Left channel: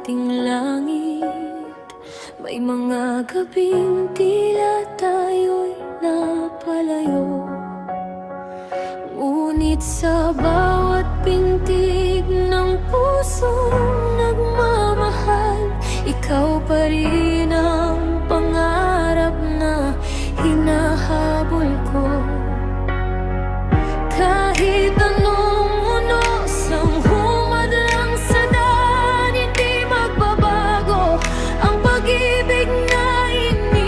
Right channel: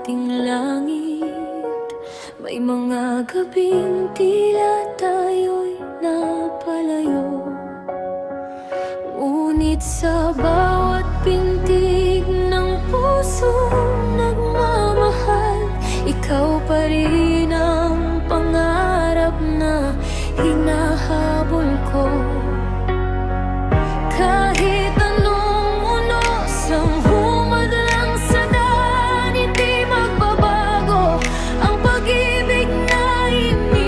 ating langit. May mga gabing tila tayo'y napalayo, ngunit sa bawat pintig ng pusong nagmamahal, ikaw pa rin ang pangarap na hinahabol ko. Kahit anong unos ang humadlang sa daan, hindi magbabago ang pag-ibig na iniingatan.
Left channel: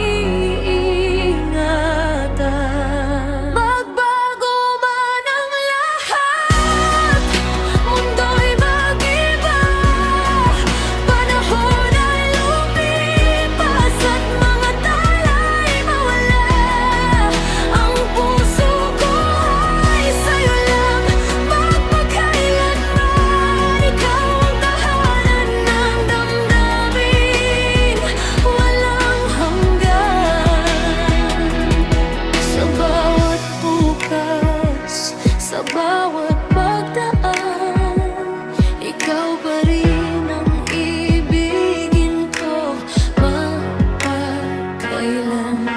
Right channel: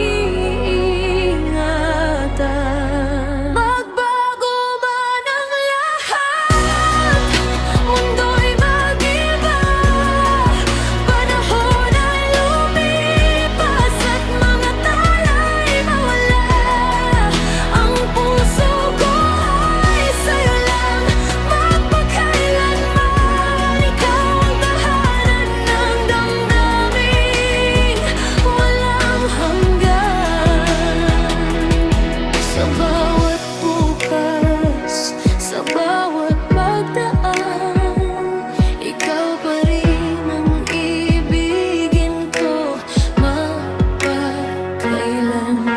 Magbago man ang lahat, mundo'y mag-iba, panahon ay lumipas at mga tala'y mawala. Ang puso ko ay sa'yo lang magpakailanman. Ikaw ang tahanan ng damdaming walang hanggan. Sa bawat bukas, sa bawat pagdaan, ikaw pa rin ang ibigin ko magpakailanman.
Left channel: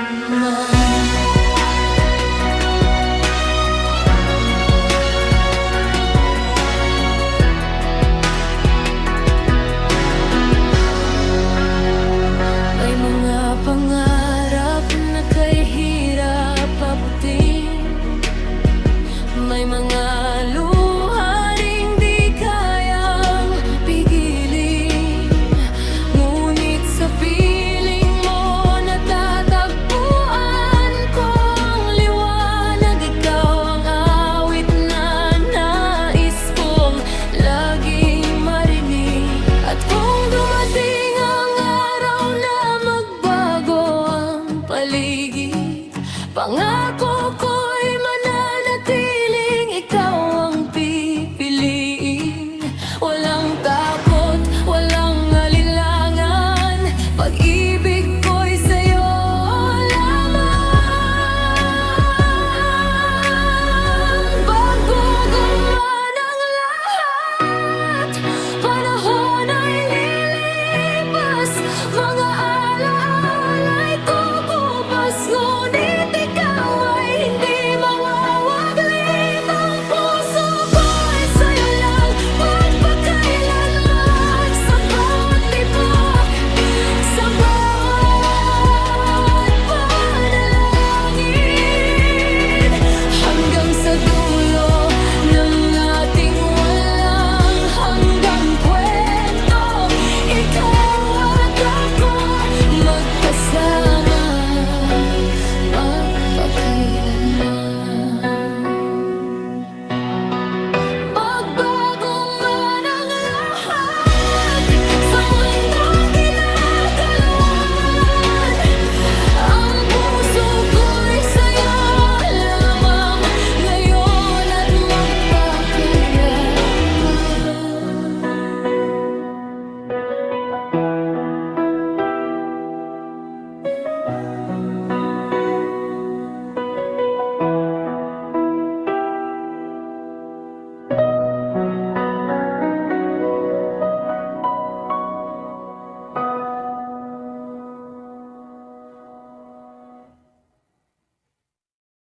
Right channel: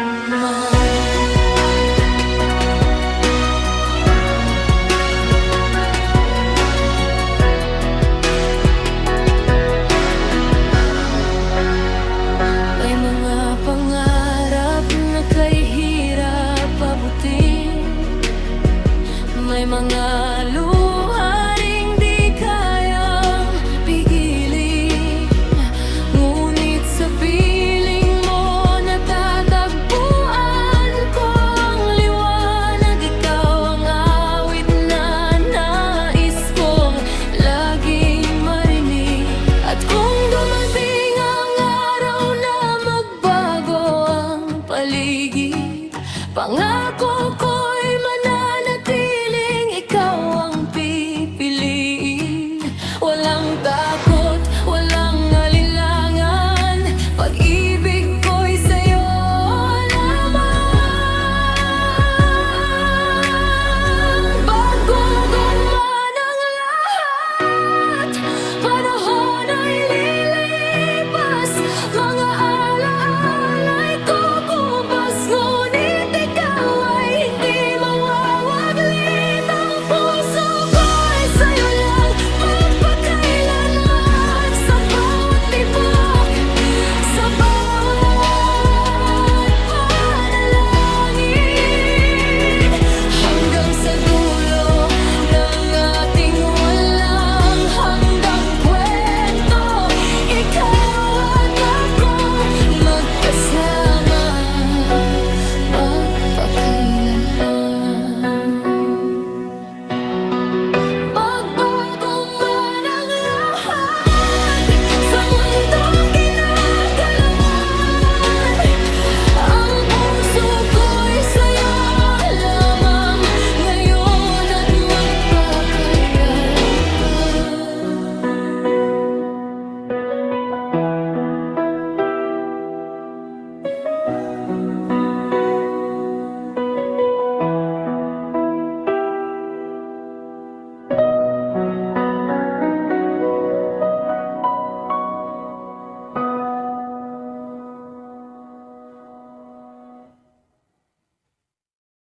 May mga pangarap na kay hirap abutin, may mga luha ring di kayang pigilin, ngunit sa piling mo natatagpuan ko ang liwanag. Ikaw ang awit na nais kong laging marinig. At kung dumating ang araw na magbago ang paligid, pangako ko'y mananatiling ikaw ang pipiliin. Walang